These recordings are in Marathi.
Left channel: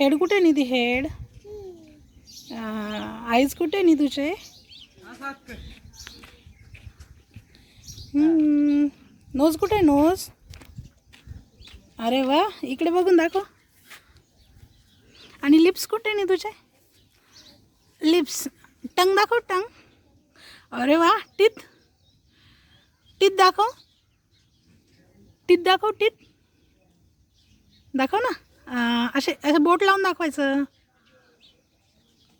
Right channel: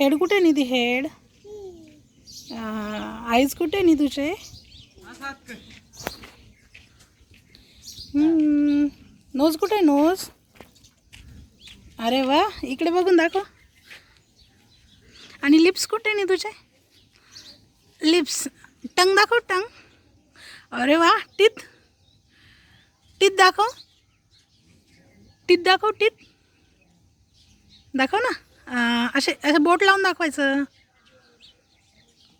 हेड कुठे निधी हेड आईज कुठे नी तुझे नोज कुठे नोज अरे वा इकडे बघून दाखव आणि लिप्स कुठे नी तुझे लिप्स टंग दाखव टंग अरे वा टीथ टीथ दाखव टीथ दाखव टीथ दाखव ना असे असे बोट लावून दाखवायचं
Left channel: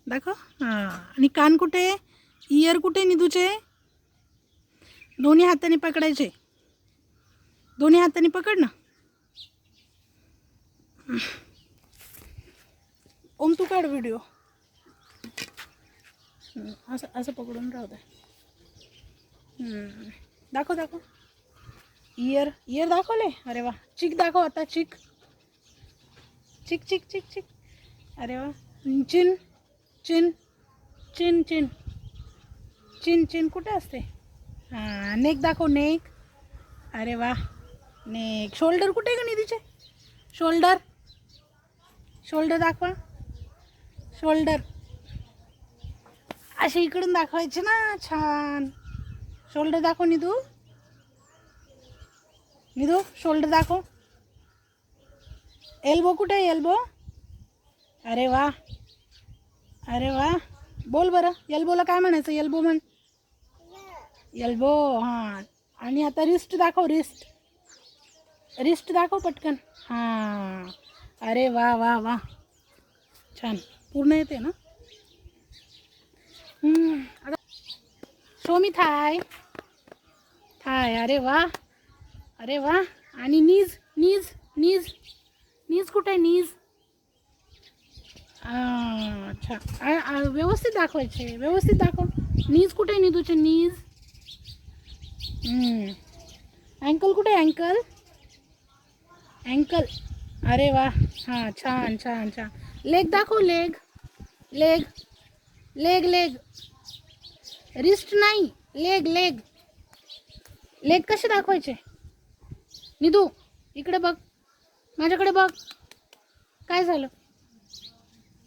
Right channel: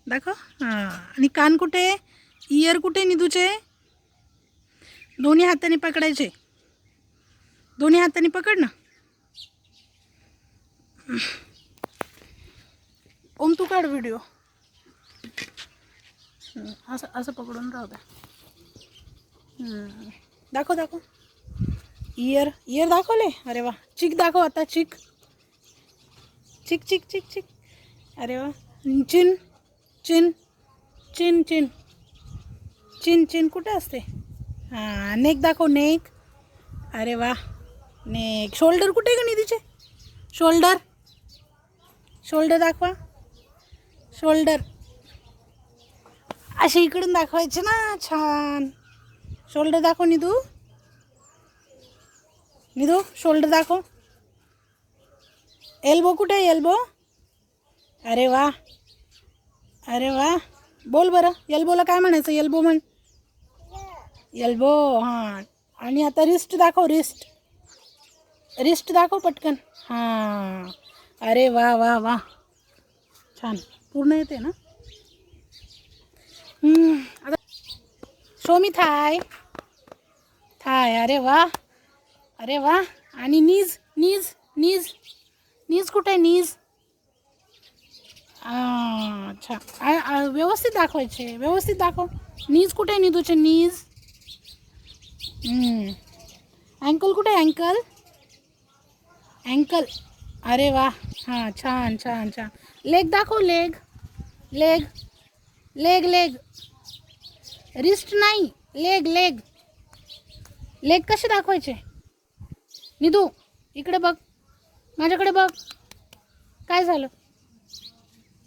दाखव हां आणि कान कुठे इयर कुठे नी तुझे दोन्ही हाताने पकडायचे दोन्ही हाताने पकड ना ओम तू काढ व्हिडिओ असं असं पकडून राहू द्या दाखव दाखव इयर इयर दाखवले अरे वा चिक दाखव आता चिक चिक चिक चिक चिक अरे वा चिन चिन चिन चिन चिन चिन कुठे असते हां नेक दाखव नेक अरे वा नेक शोल्डर कुठे का निधीचे शोल्डर शोल्डर दाखवा शोल्डर असे इकडून दाखवायचे ना छान शोल्डर दाखव निधू निधू शोल्डर दाखव एल्बो कुठे आहे एल्बो अरे वा बोल बरं एल्बोला काय म्हणायचं एल्बो म्हण एल्बो हां आणि आता रिस्ट दाखव रिस्ट रिस्ट दाखव पटकन हां अरे वा वा वा छान पूर्ण येते ना आता शो मी थाय थाय अरे वा आणि नीज नीज नीज नीज कुठे नीज अच्छा व्यवस्थित दाखवायचे व्यवस्थित दाखव नीज कुठे नी तुझे नीज अँकल कुठे अँकल अँकल अरे वा हां छान छान छान लेग दाखव leg leg leg leg wrist नाही लेग लेग लेग कसे दाखवायचे निधू इकडे बघ माझ्याकडे बघ काय झालं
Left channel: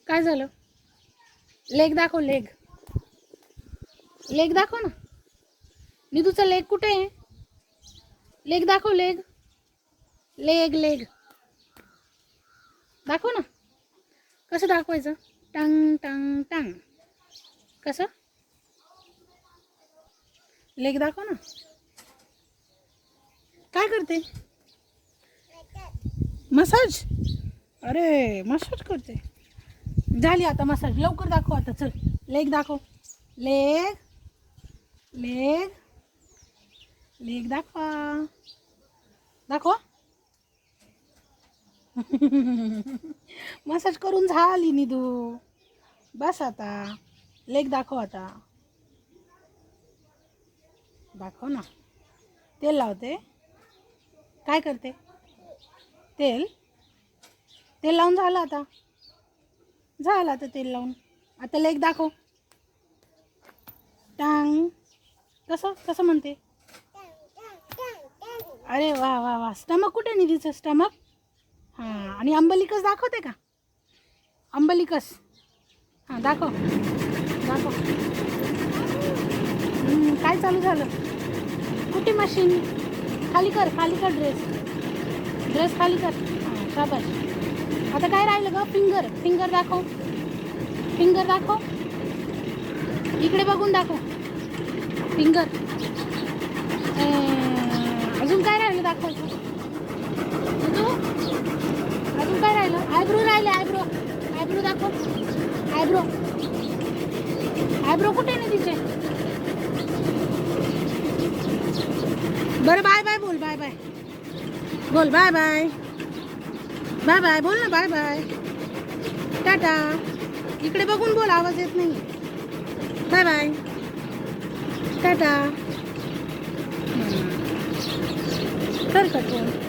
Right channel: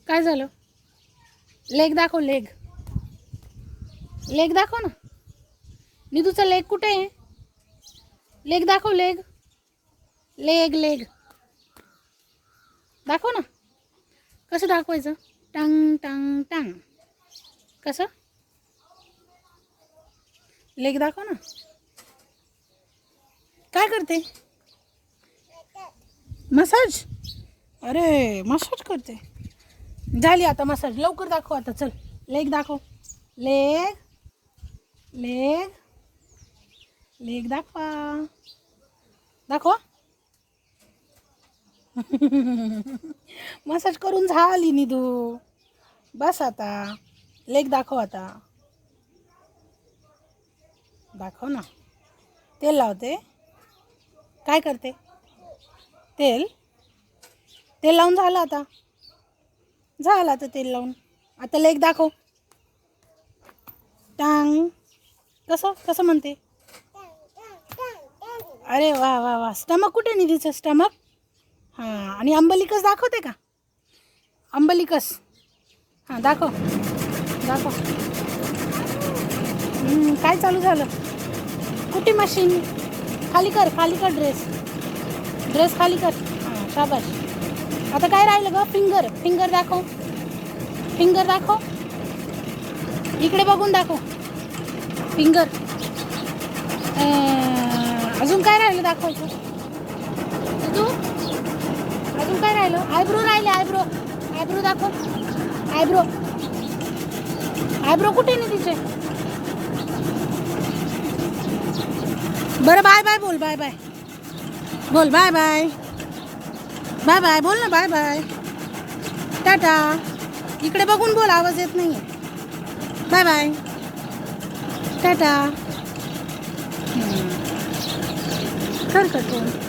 काय झालं लेग दाखव लेग लेग दाखव ना निधूचं लेग कुठे आहे लेग दाखव लेग लेग लेग दाखव ना कसं दाखवायचं टंग टंग टंग कसं लेग दाखव ना काय करते मसाज अरे मसाज करते झाली आता मसाज लवकर दाखव आता चल लेग दाखव लेग लेग लेग दाखवा दाखवा मसाज करून झाली निधू बस आता लेग दाखव आता दाखव ना तेल लावते काय करते तेल तेल लावून झालं आता झालं आता तेल लावून आता लेग दाखव टांग कसं कसं म्हणते अरे वा वा वा स्टमक कुठे निधीचं स्टमक हां आणि अंबलिकस दाखवते का अंबलिकस हां दाखव दाखव काय चालू झालं कुठे मशीन खाली कर ड्रेस ड्रेस खाली कर हां शाबाश आता काय राहिलं ग फिंगर फिंगर दाखव फिंगर दाखव इकडे बघून दाखव फिंगर अजून काय राहिलं दाखवायचं तू अजून काय राहिलं आयब्रो राहिले आयब्रो आयब्रो दाखव आयब्रो आयब्रो कुठे नाही तिचे बरं बाय बाय बोल बाय बाय बोल बाय बाय बाय बाय बोल ना बाय बाय टाटा इकडे बघून बोल आवाज येत नाही बाय बाय टाटा कर कटोन